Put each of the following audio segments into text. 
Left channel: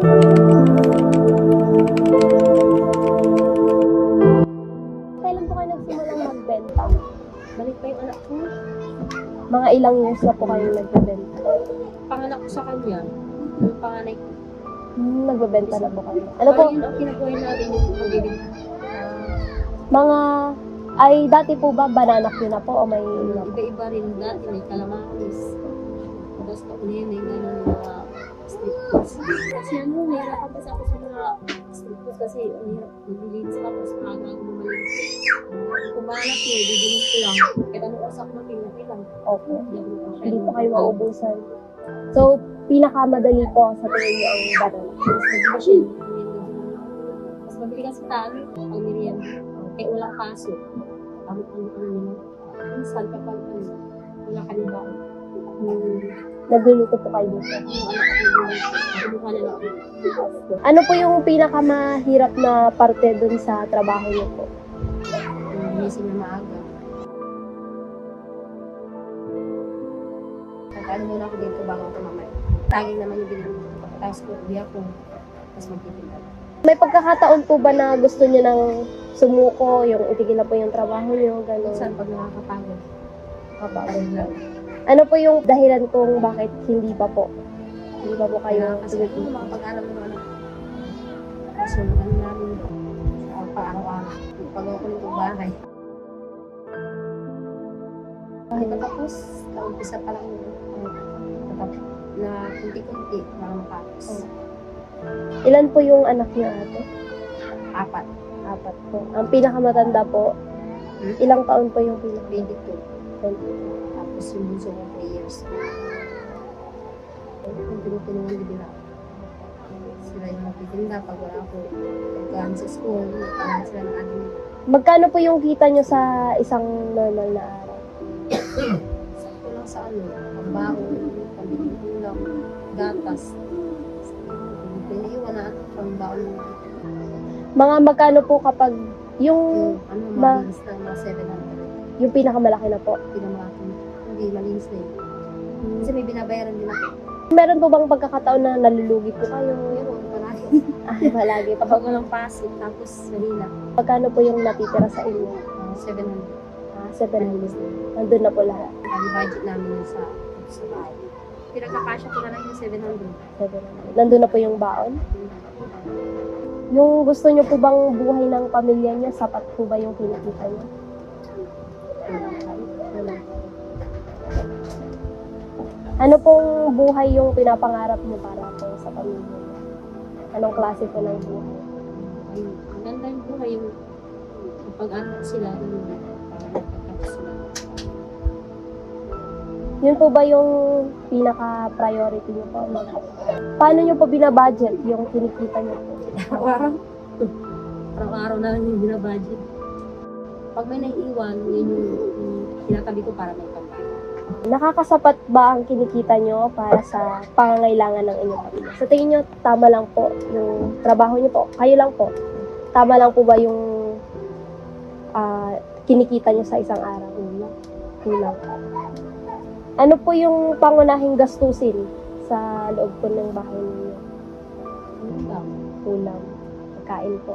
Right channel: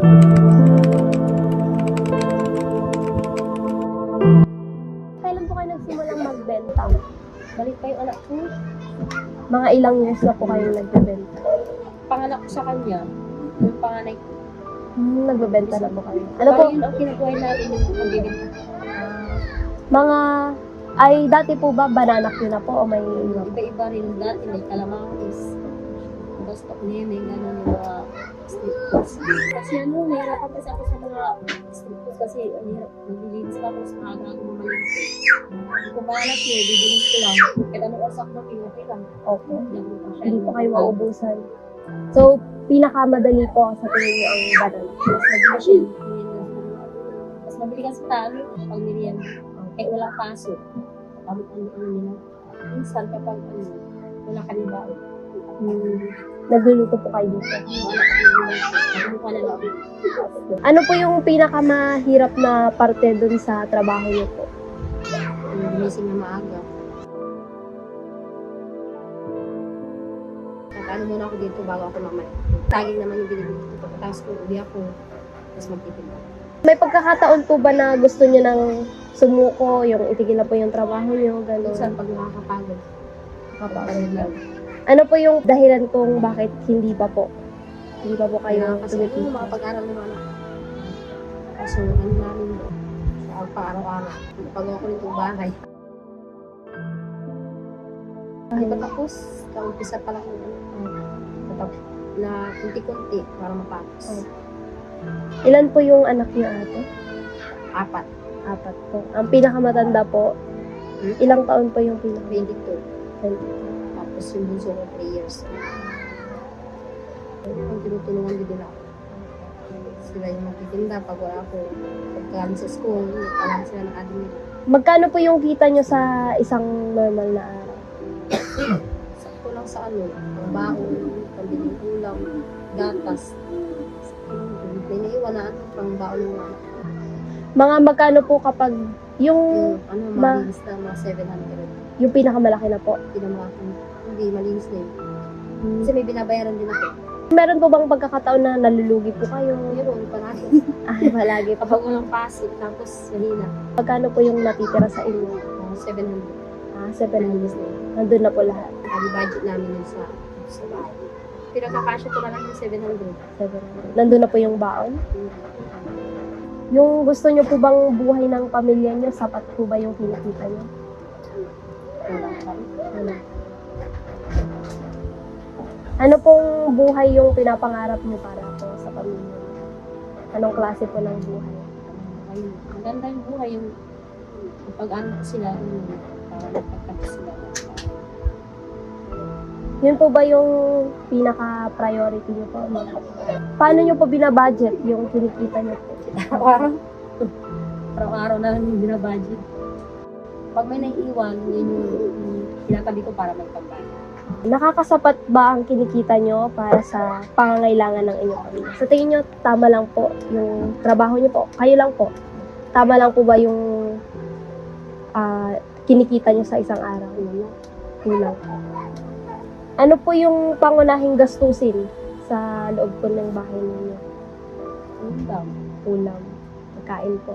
Kailan po kayo nagsimulang magbenta? Balik pa yung anak ko. Mga ilang years na po kayo nagbebenta? Panganak ko sa kanya, yung panganay ko. Nagbebenta na po kayo. Ano po? Bali yun ang kinukuha natin yung pagbibenta. Mga, ay dati po ba banana queue na po o may Iba-iba rin dati, may calamaris. Gusto ko nene, gano'n yung mga street foods. Kasi ano, nahirapan kasi ako sa mga street foods kasi ang hirap maglilinis pa ako sa maaga ako mamalis. Kung bahanap niya, bibilis ko lang. Kahit anong oras ako natin lang. okay. Hindi po kayo maubusan. So, pinakamadali po sa tingin niyo ang banana. Mas mabilis yun. Mas mabilis kasi tayo pag merienda. Kahit walang paso. Kamot ang ano nila. Instant kapag ano, wala ka rin ba? Nagluluto po kayo dito. Nakalimutan na lang. Ano po yung pinakamahirap na parte dun sa trabaho niyo po? Gumising na maaga. Nagkano muna ako dito bago ako mamaya. Taging naman yung binili ko. Pagkatapos ko, uwi ako. Tapos magtitinda. May pagkakataon po ba na gusto niyo nang sumuko, yung itigil na po yung trabaho niyo, gano'n? Minsan pag nakakapagod, nakakapagod lang. Ano po yung dahilan kung bakit hindi pa po? Hindi pa po kayo Kaya kasi yung mga pag-aral na ano. Kaso ano namin sa pag-araw-araw. Pag ako nito bahay. Hindi pa tapos. Kaumpisa pa lang yun. Na kunti-kunti para matapos. Ilan po yung anak niyo ate? 4. 4 po. Ang pinakamatanda po, ilang taon po yung 22. 20? Tapos yung bunso ko 3 years. Kung tinutulungan din nila. Sila yung magtitinda pag wala ako. Pagkaan sa school, alam sila ng admin. Magkano po yung kita niyo sa isang normal na araw? Sakto lang sa ano, ang baon, pambili ng ulam, gatas. May naiwan na ito pang baon ng Mga magkano po kapag yung ano, malinis na mga 700. yung pinakamalaki na po? Pinamaki. Hindi, malinis na yun. Kasi may binabayaran din ako. Meron po bang pagkakataon na nalulugi po kayo? Meron, parati. Ay, palagi po. Kapag walang pasok, tapos kanina, Magkano po yung natitira sa inyo? 700. 7 Malinis na yun. Nandun na po lahat. Ang budget namin yun sa bahay. Pinagkakasya ko na lang yung 700. Nandun na po yung baon. Yung gusto nyo po bang buhay ng pamilya nyo, sapat po ba yung kinikita nyo? Ano pong buhay yung pinapangarap nyo para po sa pamilya? Anong klase po ng buhay? Ayun, ang ganda yung buhay yung kapag ano sila, yun, para magpagkapos sila. Yun po ba yung pinaka-priority nyo po? Paano nyo po binabudget yung kinikita nyo po? Araw-araw na lang yung binabudget. Pag may naiiwan, yun yung tinatabi ko para magpagbago. Nakakasapat ba ang kinikita nyo para sa pangangailangan ng inyong pamilya? Sa tingin nyo, tama lang po yung trabaho nyo po? Kayo lang po? Tama lang po ba yung kinikita nyo sa isang araw? Kulang. Ano po yung pangunahing gastusin sa loob po ng bahay ninyo? Kulang. Pagkain po.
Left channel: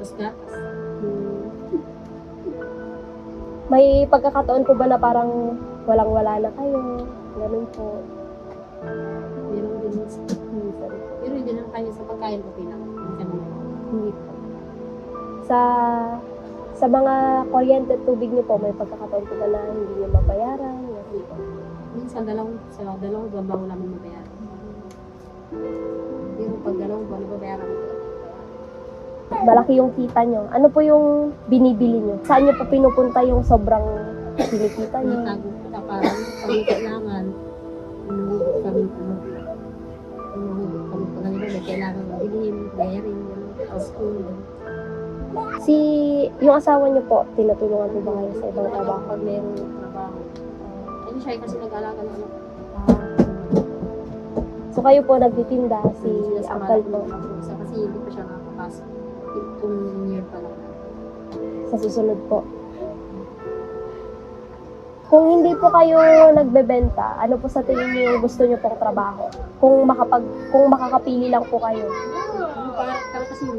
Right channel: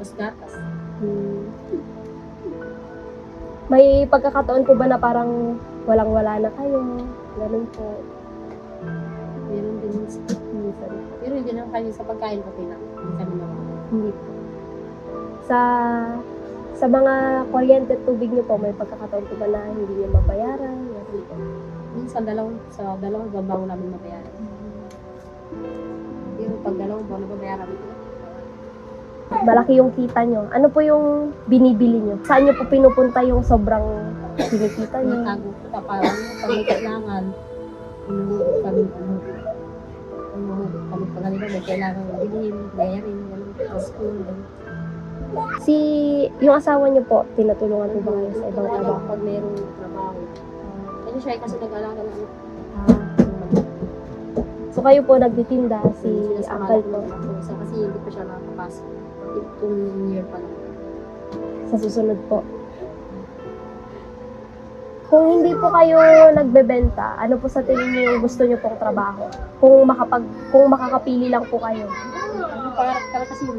Tapos gatas. May pagkakataon po ba na parang walang-wala na kayo? Ganun po. Meron din minsan. Pero hindi lang kayo sa pagkain ko pinang. Hindi po. Sa mga kuryente at tubig niyo po, may pagkakataon po ba na hindi niyo mabayaran? Minsan sa dalawang babaw namin mabayaran. Pero pag dalawang buwan nababayaran ko. Malaki yung kita nyo. Ano po yung binibili nyo? Saan nyo po pinupunta yung sobrang kinikita nyo? Tago ko ka parang pag may kailangan, inuhugot kami pag ganito may kailangan bilhin, bayarin, sa school. Yung asawa nyo po, tinutulungan ko ba kayo sa ibang trabaho? Pag mayroong trabaho. Ano siya kasi nag-alaga ng anak. So kayo po nagtitinda, si Sinasama Uncle ko po, ng ako kasi hindi pa siya nakakapasok. Itong year pa lang. sa susunod po. Kung hindi po kayo nagbebenta, ano po sa tingin niyo yung gusto niyo pong trabaho? Kung makakapili lang po kayo. Yung pangarap ko kasi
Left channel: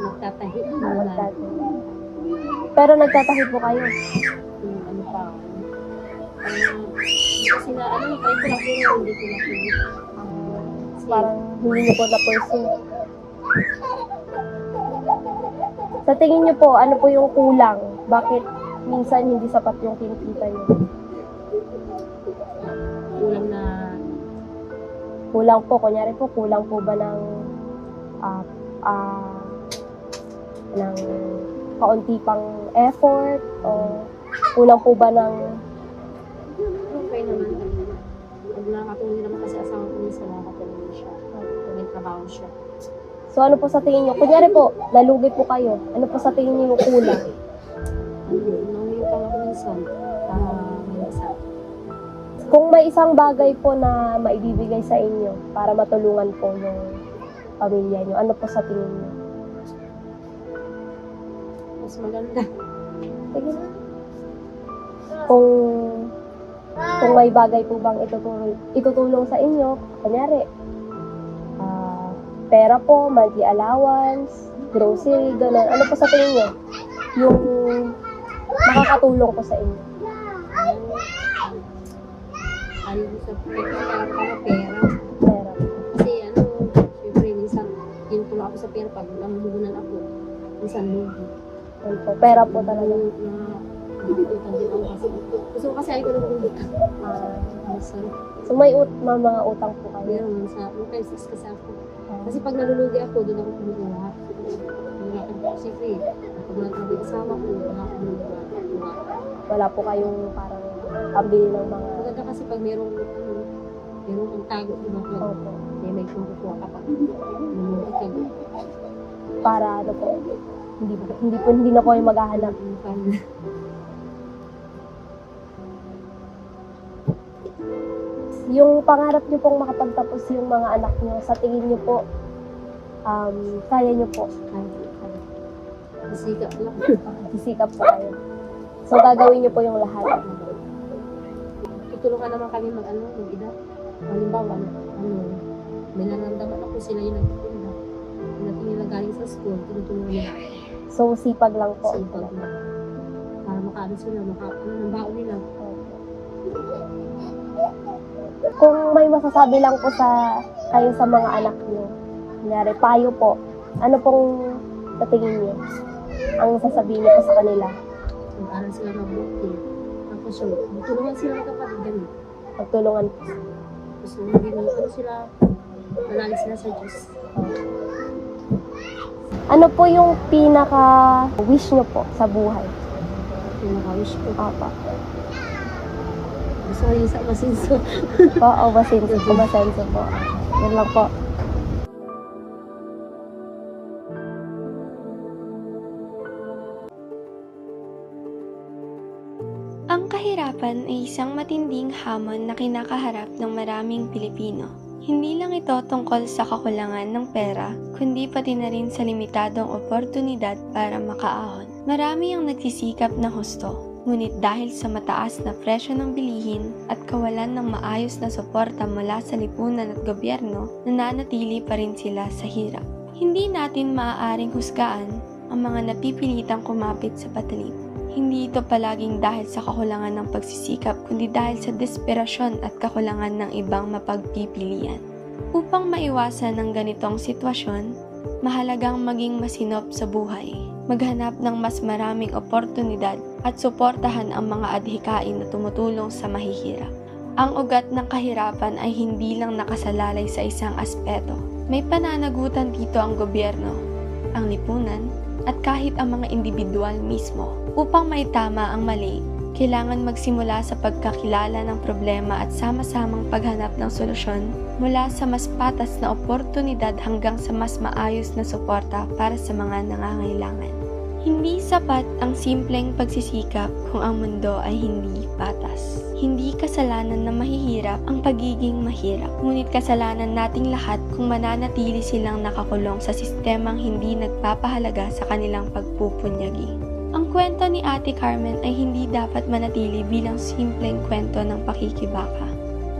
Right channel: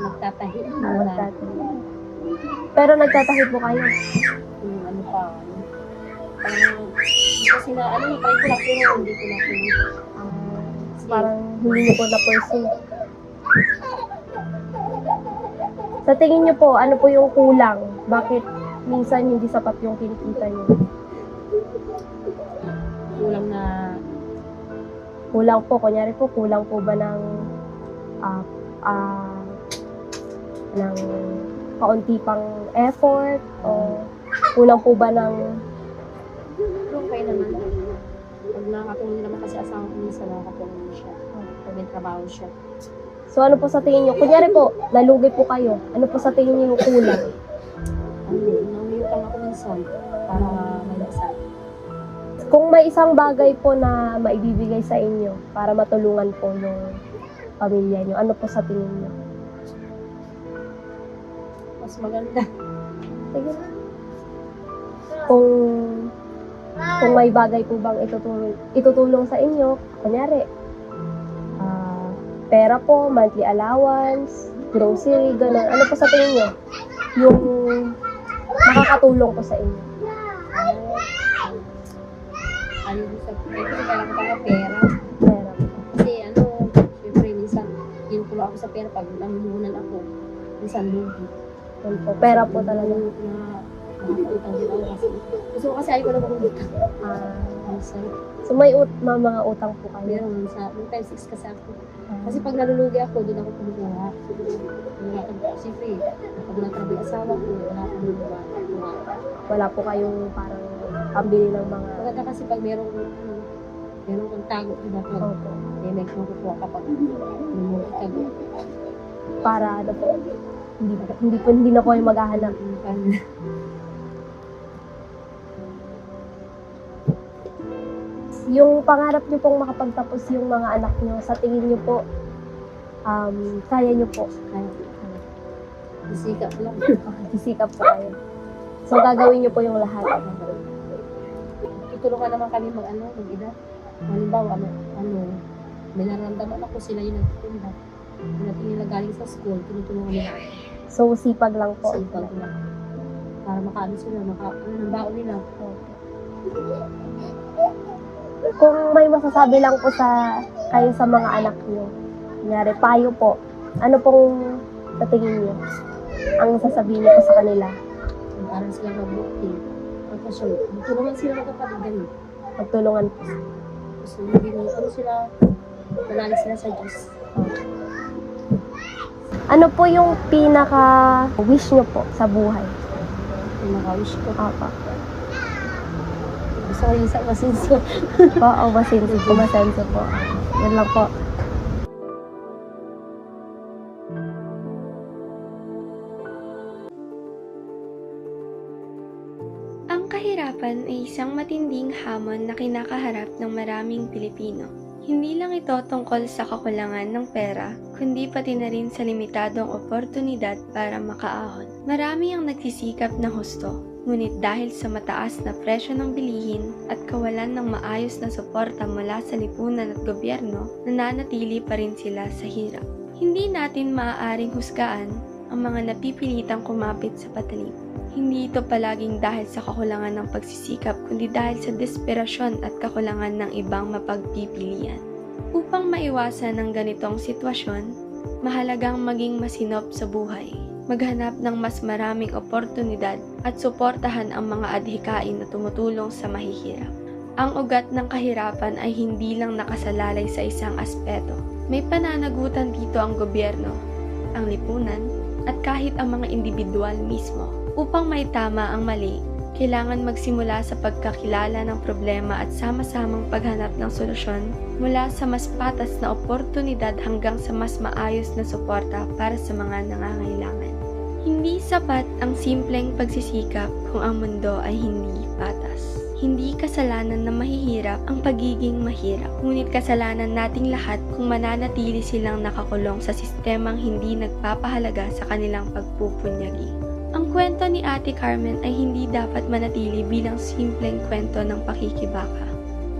nagtatahi muna. Pero nagtatahi po kayo. Yung ano pa. Kasi na, ano yung try ko lang pero hindi ko na finish. Parang hindi niyo po na-pursue. Sa tingin niyo po, ano po yung kulang? Bakit minsan hindi sapat yung kinikita niyo? Kulang na, Kulang po, kunyari po, kulang po ba ng ng kaunti pang effort o kulang po ba ng okay naman. Pag nakakatuloy naman kasi asang minsan nakakatuloy siya. Pag may trabaho siya. so ano po sa tingin niyo? Kunyari po, nalugi po kayo. Ano po sa tingin niyo yung kulang? Nanguyutang ako minsan para may isa. Kung may isang bagay po na maibibigay sa inyo para matulungan po yung pamilya niyo, ano po sa tingin niyo? Mas maganda. Sige. Kung may bagay po bang itutulong sa inyo, kunyari, pera po, monthly allowance, grocery, gano'n. Ano po sa tingin niyo? Yung makakatulong po sa inyo. Ayaw ko sa pera. Pera. Pera. Kasi ano, syempre minsan, yun tulo ako sa pera pag nangunan ako. Minsan lugi. Yun po, pera po talaga. Nakakutang din ako kasi. Gusto ko kasi ayaw ko na makungutang. Minsan. So may mga utang po kayo. Meron sa, yung time 6 kasi ako. Kasi pag nalulugi ako, doon ako kumukuha. Kaya, siyempre, pag natabi asawa ko, wala akong kumukuha. Wala po kayong parang pambili ng mga Maganda kasi pag merong kang tago, diba? May kumukuha kapag nalulugi ka. para ano po, hindi na po kayo maghahanap. Yung pangarap niyo pong makapagtapos yung mga anak niyo, sa tingin niyo po, kaya niyo po. Sikap lang. Sisikap po kayo. So, gagawin niyo po yung lahat. Itulungan naman kami mag-ida. Halimbawa, may nararamdaman ako sila yung nagtitinda. Pagdating nila galing sa school, tinutulungan nila. So, sipag lang po. Sipag lang. Para makaano sila, ng baon nila. Kung may masasabi lang po kayo sa mga anak niyo, kunyari, payo po, ano pong sa tingin niyo ang sasabihin niyo po sa kanila? Para sila mabuti. Tapos yun, tulungan sila ng kapatid din. Magtulungan po. Tapos maging sila, malalim sila sa Diyos. Ano po yung pinaka-wish niyo po sa buhay? Pinaka-wish ko. Papa. Gusto ko yung sa masinso. Oo, masenso po. Yan lang po. Ang kahirapan ay isang matinding hamon na kinakaharap ng maraming Pilipino. Hindi lang ito tungkol sa kakulangan ng pera, kundi pati na rin sa limitadong oportunidad para makaahon. Marami ang nagsisikap na husto, ngunit dahil sa mataas na presyo ng bilihin at kawalan ng maayos na suporta mula sa lipunan at gobyerno, nananatili pa rin sila sa hirap. Hindi natin maaaring husgaan ang mga napipilitang kumapit sa patalim. Hindi ito palaging dahil sa kakulangan ng pagsisikap, kundi dahil sa desperasyon at kakulangan ng ibang mapagpipilian. Upang maiwasan ang ganitong sitwasyon, mahalagang maging masinop sa buhay, maghanap ng mas maraming oportunidad at suportahan ang mga adhikain na tumutulong sa mahihirap. Ang ugat ng kahirapan ay hindi lang nakasalalay sa isang aspeto. May pananagutan dito ang gobyerno, ang lipunan, at kahit ang mga individual mismo. Upang maitama ang mali, kailangan magsimula sa pagkakilala ng problema at sama-samang paghanap ng solusyon mula sa mas patas na oportunidad hanggang sa mas maayos na suporta para sa mga nangangailangan. Hindi sapat ang simpleng pagsisikap kung ang mundo ay hindi patas. Hindi kasalanan na mahihirap ang pagiging mahirap, ngunit kasalanan nating lahat kung mananatili silang nakakulong sa sistemang hindi nagpapahalaga sa kanilang pagpupunyagi. Ang Ang kwento ni Ate Carmen ay hindi dapat manatili bilang simpleng kwento ng pakikibaka.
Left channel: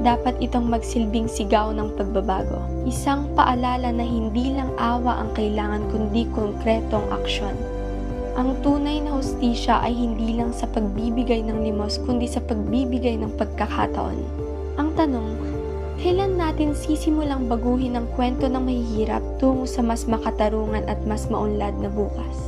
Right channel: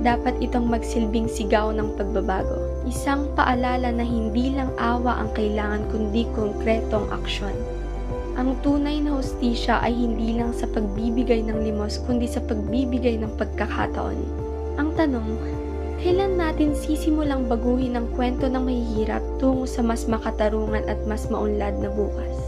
Dapat itong magsilbing sigaw ng pagbabago. Isang paalala na hindi lang awa ang kailangan kundi konkretong aksyon. Ang tunay na hustisya ay hindi lang sa pagbibigay ng limos kundi sa pagbibigay ng pagkakataon. Ang tanong, kailan natin sisimulang baguhin ang kwento ng mahihirap tungo sa mas makatarungan at mas maunlad na bukas?